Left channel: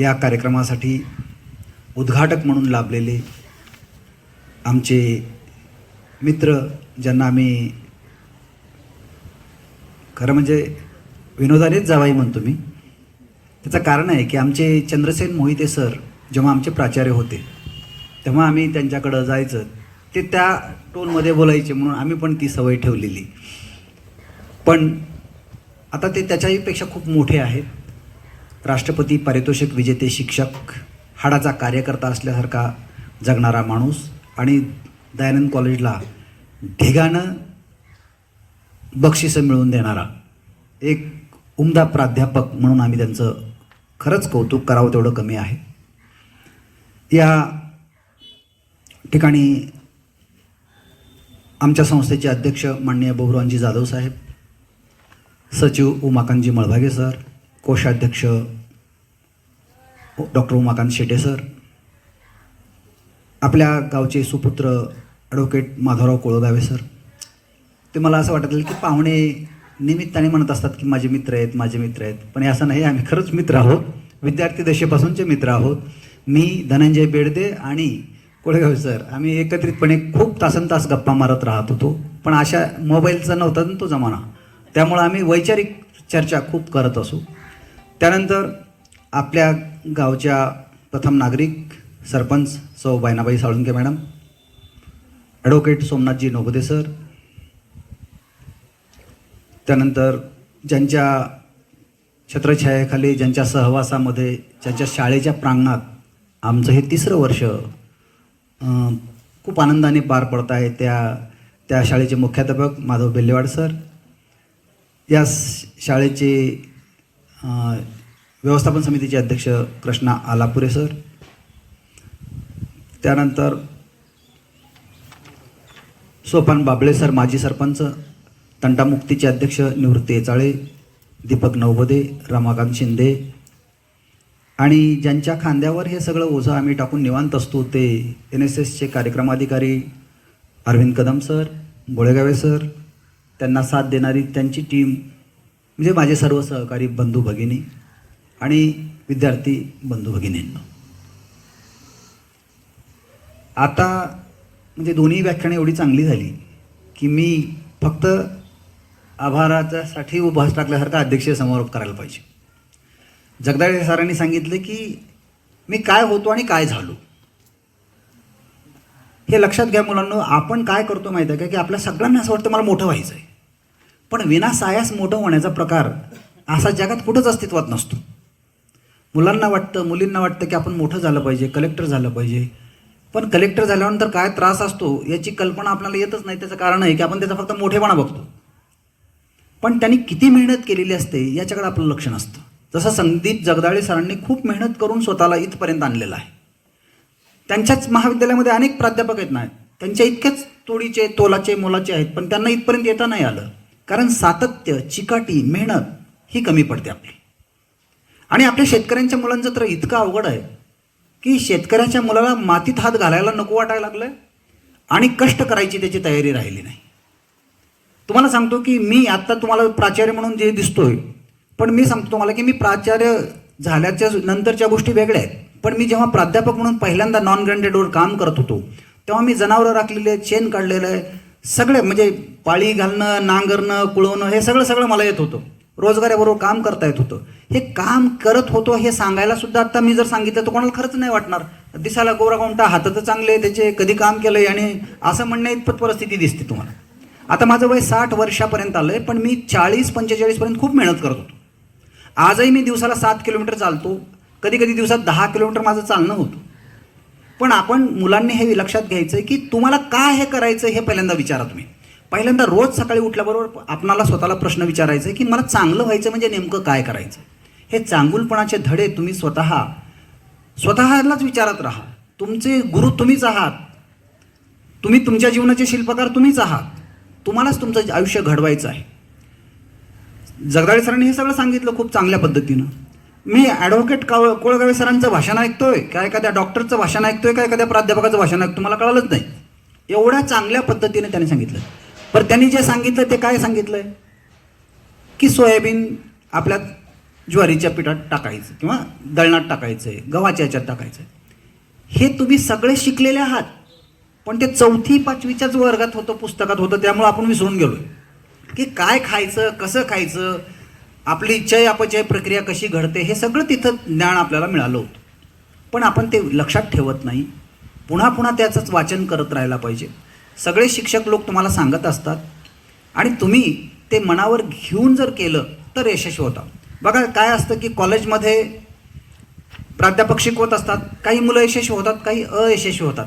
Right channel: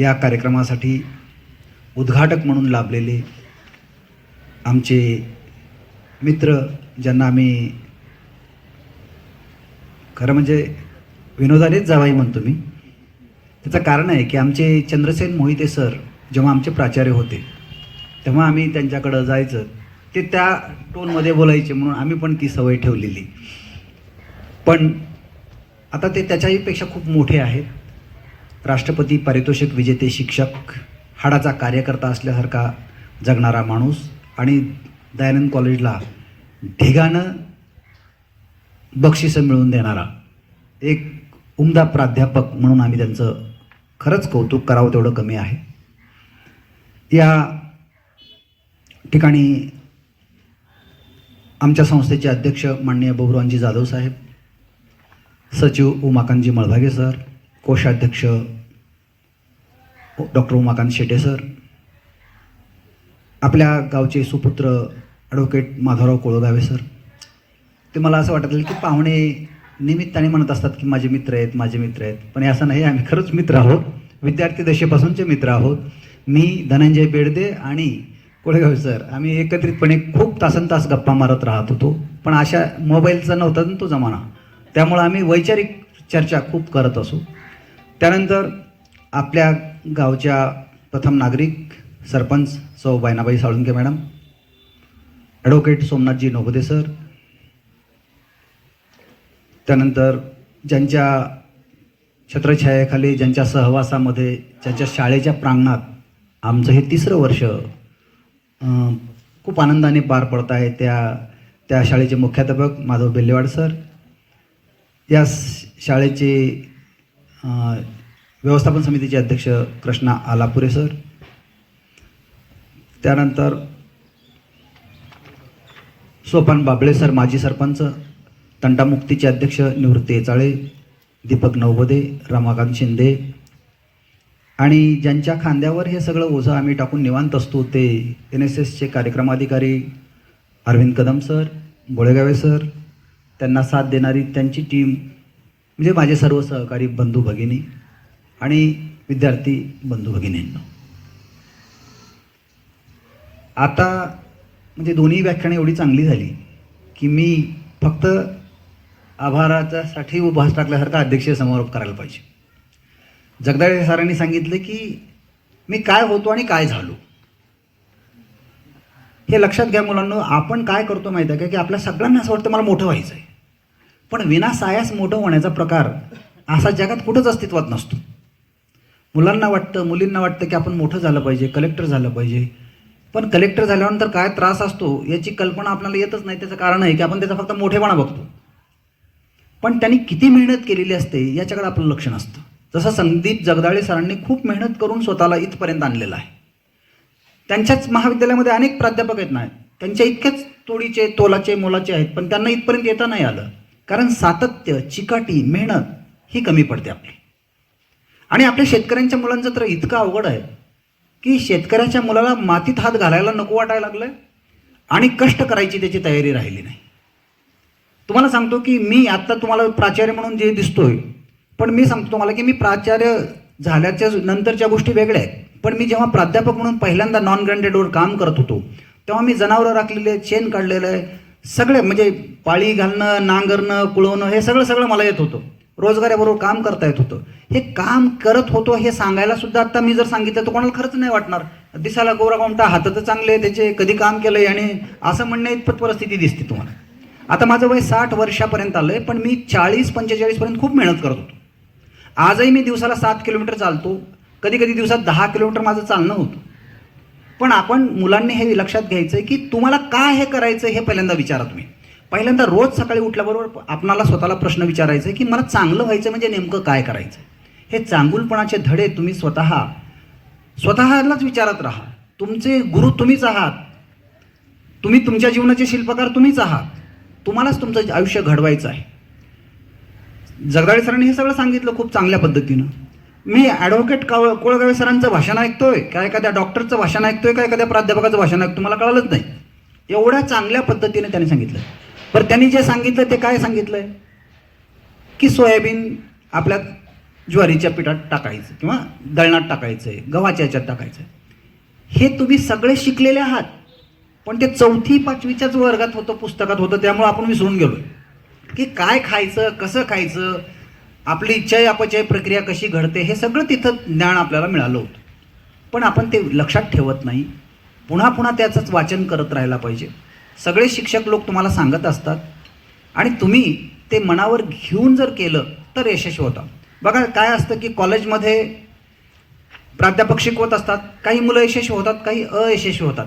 या कार्यक्रमासाठी उद्घाटक म्हणून लाभलेले आमचे मित्र ज्यांना आम्ही खरं म्हणजे विनोदानेच जावाई म्हणतो मी त्याचं कारण आहे की आमचे चंद्रसेन मोहिते सर जेव्हा आमचे प्राचार्य होते तेव्हा आम्ही त्यांच्याकडं जायचं ते त्या टोनमध्ये बोलायचे म्हणून आम्ही पण ती सवय ठेवलेली. पण आता ते त्याच्याहीपेक्षा खूप मोठे आहेत. राष्ट्रपती पारितोषिक विजेते शिक्षक हाडाचा कार्यकर्ता असल्यासारखा जगणारा माणूस आणि दयानंद कॉलेजला ढिगाणं बक्षिसं मिळवून देणारा एक उमदा प्राध्यापक म्हणून आम्ही त्यांचं खरंच कौतुक करावं तेवढं कमी आहे. या ठिकाणी आमच्या संस्थेचे अध्यक्ष माननीय बबुरानजी जाधव साहेब सचिव उमाकांतजी मळभागे सर कोषाध्यक्ष डॉक्टर उमाकांत शेटे सर आपल्या गावचे सुपुत्र ॲडव्होकेट माधवराव कोळगावे सर ते मला असं वाटत की पाहुणे निमित्ताने म्हणत असतात की माझे मित्र आहेत माझे मित्र आहेत. पण हे असं नाही आम्ही खरंच मित्र आहोत. विद्यार्थी दशेपासूनचे मित्र आहोत. मी धनंजय बेडदे आणि कोळगावे सर आम्ही एकत्रितपणे खूप तासन तास गप्पा मारत राहत होतो. पण अशा मोबाईलचा नव्हता ना तो जमाना. त्यामुळं आम्ही वैचारिक चर्चा खूप करत असू. त्यानंतर आपल्या गावच्या प्रथम नागरिक सरपंच सौ Baynabai Salunke madam advocate Somnathji Nogade sir त्यानंतर ज्यांच्या छत्रछायाखाली ज्यांच्या सहवासामध्ये ज्यांच्या शाळेच्या प्रांगणात आमचं हे तिसरं वर्ष खूप आनंदाने पार पडत आहे त्या त्या शाळेचे मुख्याध्यापक माधव बेल्लेवाड सर. या शाळेचे व्यवस्थापन समितीचे अध्यक्ष कृष्णा आलापुरे सर. त्यानंतर सोपान बाबळे सर माजी सरपंच तंटामुक्तीचे अध्यक्ष निवृत्ती येचाळे दीपक नवबदे रमाकांत शिंदे. आणि ज्यांच्या खांद्यावर हे सगळं ओझं आम्ही टाकून निवांत असतो ते एन एस एसचे कार्यक्रमाधिकारी अरविंद कदम सर गोळेगावे सर त्यांना साथ देणारी त्यांची टीम म्हणजे माझे सर्व सहकारी बंधू भगिनी आणि विद्यार्थी बंधू भगिनींना. आता म्हणजे दोन्ही व्याख्यानं एवढी चांगली झाली की मी फक्त आभाराच्यासाठी उभास टाकल्यासारखा अध्यक्षीय समारोप करायला पाहिजे. जगदाळे सरांनी सांगितलं की मी काय होतो आणि काय झालो. हे लक्षात घ्या मुलांना आपण काय करतो माहिती आहे का? की आपल्या सगळ्यांना असं वाटतं मला मोठं व्हायचं आहे पण विनासायास मोठं होण्याचा प्रकार असा जगात कुठंच अस्तित्वात नसतो. मुलांना वाटतं मुलींना वाटतं की आपण मोठं झालं पाहिजे कलेक्टर झालं पाहिजे. पण कलेक्टर झाल्यानंतर काय त्रास असतो याची कल्पना आपल्याला येतच नाही. त्याचं कारण आहे की आपण त्याचा फक्त मोठेपणा बघतो. पण त्यांनी किती मेहनत केलेली असते याच्याकडे आपलं लक्ष नसतं. जसं संदीप जगदाळे सरांनी खूप मेहनत करून स्वतःला इथपर्यंत आणलेलं आहे. त्यांच्याच महाविद्यालयामध्ये अनेक प्राध्यापक आहेत ना त्यांच्या इतकेच तोडीचे तोलाचे मोलाचे आहेत पण त्यांना इथपर्यंत येता नाही आलं. कारण सातत्य चिकाटी मेहनत ही कमी पडते आपली. आणि आपल्या शेतकऱ्यांच्या मुलांचं तर इतकं अवघड आहे की शेतकऱ्याच्या मुलाला मातीत हात घालायला नको वाटायला लागलंय आणि कष्ट करायची त्याची तयारी राहिली नाही. तुम्हाला सांगतो की मी आता तुम्हाला प्राचार्य म्हणून जे दिसतोय पण मी सांगतो तुम्हाला की मी प्राचार्य झाल्याच्या नंतरच्या गोष्टी वेगळ्या आहेत. पण मी जेव्हा प्राध्यापक म्हणून पहिल्यांदा नॉन ग्रँडेडवर काम करत होतो तेव्हा मी जनावरं राखलेले आहेत शेण काढलेलं आहे सगळे म्हणजे पाळी घालणं नांगरणं कुळवणं हे सगळं सगळं मला येत होतं. रोजगाराबरोबर काम करता येत होतं. हे काम करत होतो हे सांगायला सुद्धा आता मी जर सांगितलं तर कोणाला खरंच नाही वाटणार. दिसायला गोरा कोणता हात तर चांगले त्याचे कधी काम केलंय आणि असं म्हणणं इतपत परिस्थिती दिसते तुम्हाला. आता माझं वय साठ वर्षापर्यंत आलंय पण मी चाळीस पंचेचाळीसपर्यंत खूप मेहनत करत होतो. आजही मी दिवसाला सात किलोमीटर चालतो. कधी कधी दिवसात दहा किलोमीटर माझं चालणं होतं. पण आपण मुलांनी हे लक्षात घ्यायचं की तुम्हाला काय हे करायचं हे पहिल्यांदा विचारा तुम्ही. पहिल्यांदा रोज सकाळी उठल्याबरोबर आपणाला स्वतःला प्रश्न विचारायचा आहे की मला चांगलं व्हायचं म्हणजे नेमकं काय करायचं हे चांगुलपणाचे धडे तुम्ही स्वतः स्वतःलाच विचारत राहा. तुमचे गुरु तुम्हीच आहात. तुम्ही तुमच्या जीवनाचे शिल्पकार तुम्हीच आहात. तुम्हालाच तुमचं आयुष्य घडवायचं आहे. जगदाळे सरांनी हे सगळं सांगितलं खूप चांगल्या पद्धतीनं. मी ॲडव्होकेट काव कोळगावे सरांचं भाषण ऐकतोय. का एखाद्या डॉक्टरचं भाषण ऐकतोय का एखाद्या प्राध्यापकाचं भाषण ऐकतोय मला कळलंच नाही. एवढ्या चांगल्या पद्धतीने त्याने सांगितलं. पण त्यांनी जे सांगितलं ते काय सांगितलंय? की सोयाबीन आपल्या ज्वारीच्या पिठात टाकायचं किंवा दळणात टाकायचं आहे गव्हाच्या याच्यात टाकायचं आहे हे तुम्ही सगळे शिकलेले आहात. पण ते चौथी पाचवीच्याच वर्गात होतं पुस्तकात होतं त्यामुळे आपण विसरून गेलो. की काय खायचं कसं खायचं आपली इच्छाही अपचय प्रक्रिया कशी घडते हे सगळं तिथं ज्ञान आपल्याला मिळालं होतं. पण आपण ते लक्षात ठेवत नाही. पुन्हा पुन्हा त्याचंच वाचन करत राहायला पाहिजे. सगळे शिक्षक लोक तुम्हाला सांगत असतात. आणि तुम्ही ते मनावर घेऊन जर केलं तर यशस्वी होता. बघा काय असतं की कॉलेजमध्ये प्राध्यापक शिकवत असतात. काही मुलं यशस्वी होतात काही अयशस्वी होतात.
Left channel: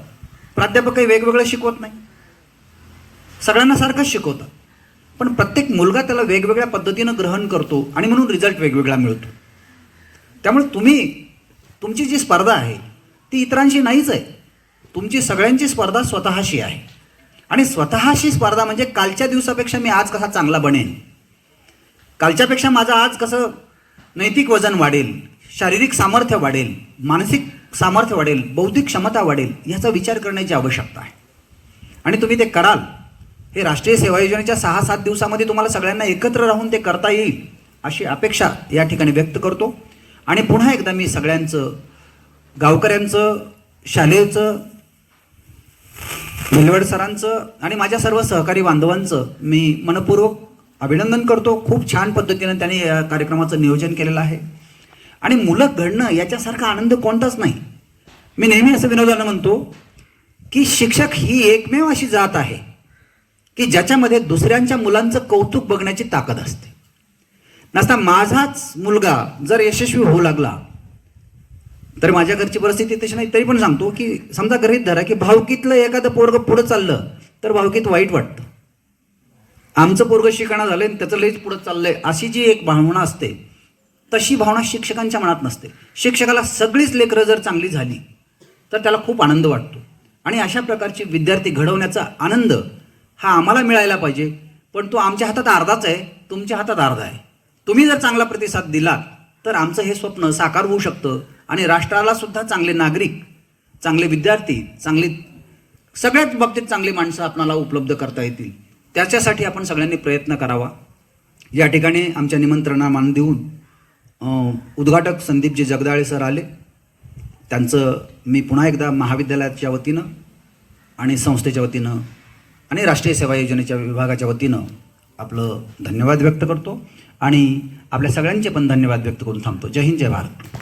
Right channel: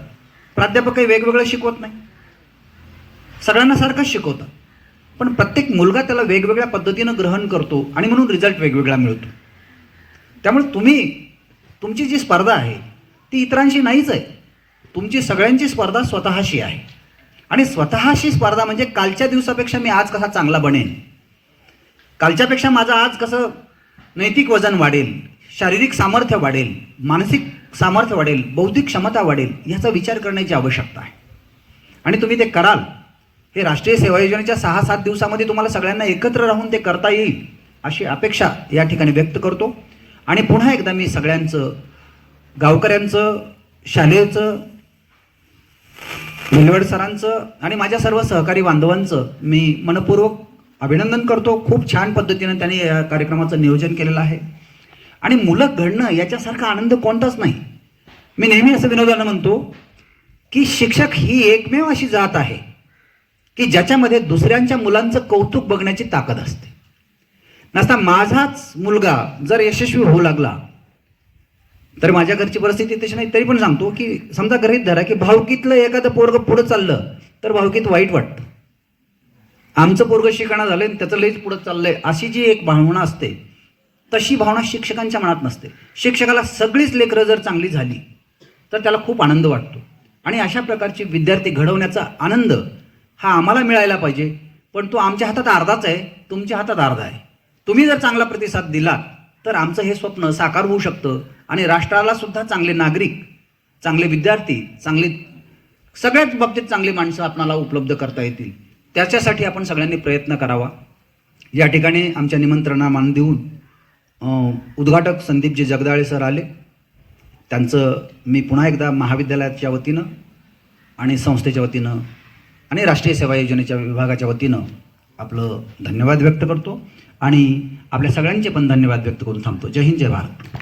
प्राध्यापक काही वेगवेगळं शिकवत नाही. सगळ्यांना सारखंच शिकवतात. पण प्रत्येक मुलगा त्याला वेगवेगळ्या पद्धतीनं ग्रहण करतो आणि म्हणून रिझल्ट वेगवेगळा मिळतो. त्यामुळे तुम्ही तुमची जी स्पर्धा आहे ती इतरांशी नाहीच आहे. तुमची सगळ्यांची स्पर्धा स्वतःशी आहे. आणि स्वतःशी स्पर्धा म्हणजे कालच्या दिवसापेक्षा मी आज कसा चांगला बनेन? कालच्यापेक्षा माझं आज कसं नैतिक वजन वाढेल शारीरिक सामर्थ्य वाढेल मानसिक सामर्थ्य वाढेल बौद्धिक क्षमता वाढेल याचा विचार करण्याची आवश्यकता आहे. आणि तुम्ही ते कराल हे राष्ट्रीय सेवा योजनेच्या सहा सात दिवसामध्ये तुम्हाला सगळ्यांना एकत्र राहून ते करता येईल अशी अपेक्षा या ठिकाणी व्यक्त करतो. आणि पुन्हा एकदा मी सगळ्यांचं गावकऱ्यांचं शालेयचं भिलवड सरांचं आणि माझ्या सर्व सहकारी बांधवांचं मी मनपूर्वक अभिनंदन करतो. खूप छान पद्धतीनं त्यांनी या कार्यक्रमाचं नियोजन केलेलं आहे. आणि मुलं घडणं याच्यासारखा आनंद कोणताच नाही. मी नेहमी असं विनोदानं म्हणतो की शिक्षक ही एकमेव अशी जात आहे. की ज्याच्यामध्ये दुसऱ्यांच्या मुलांचं कौतुक बघण्याची ताकद असते. नसता माझाच मुलगा जर यशस्वी होऊ लागला तर माझ्या घरची परिस्थिती तशी नाही तरी पण सांगतो की समजा गृहीत धरा की भावकीतलं एखादं पोरग पुढं चाललं तर भावकीत वाईट वाटतं. आमचं पोरग शिकणं झालंय आणि त्याचं लईच पुढं चाललंय अशी जी एक भावना असते तशी भावना शिक्षकांच्या मनात नसते. शिक्षकाला सगळीच लेकरं जर चांगली झाली तर त्याला खूप आनंद वाटतो. आणि अशा प्रकारचे विद्यार्थी घडवण्याचा आनंद हा आम्हाला मिळायला पाहिजे. पण तो आमच्या हातात अर्धाच आहे. तुमच्या हातात अर्धा आहे. तुम्ही जर चांगला प्रतिसाद दिला तर आमचं हे स्वप्न साकार होऊ शकतं आणि राष्ट्राला सुद्धा चांगले नागरिक चांगले विद्यार्थी चांगले सगळ्याच बाबतीत चांगली माणसं आपणाला उपलब्ध करता येतील. त्याच्यासाठी आपण सगळ्यांनी प्रयत्न करावा. या ठिकाणी आमच्या निमंत्रणा मान देऊन उद्घाटक संदीपजी जगदाळे सर आले. त्यांचं मी पुन्हा एकदा महाविद्यालयाच्या वतीनं आणि संस्थेच्या वतीनं आणि राष्ट्रीय सेवा योजनेच्या विभागाच्या वतीनं आपलं धन्यवाद व्यक्त करतो आणि आपल्या सगळ्यांचे पण धन्यवाद व्यक्त करून थांबतो. जय हिंद जय भारत.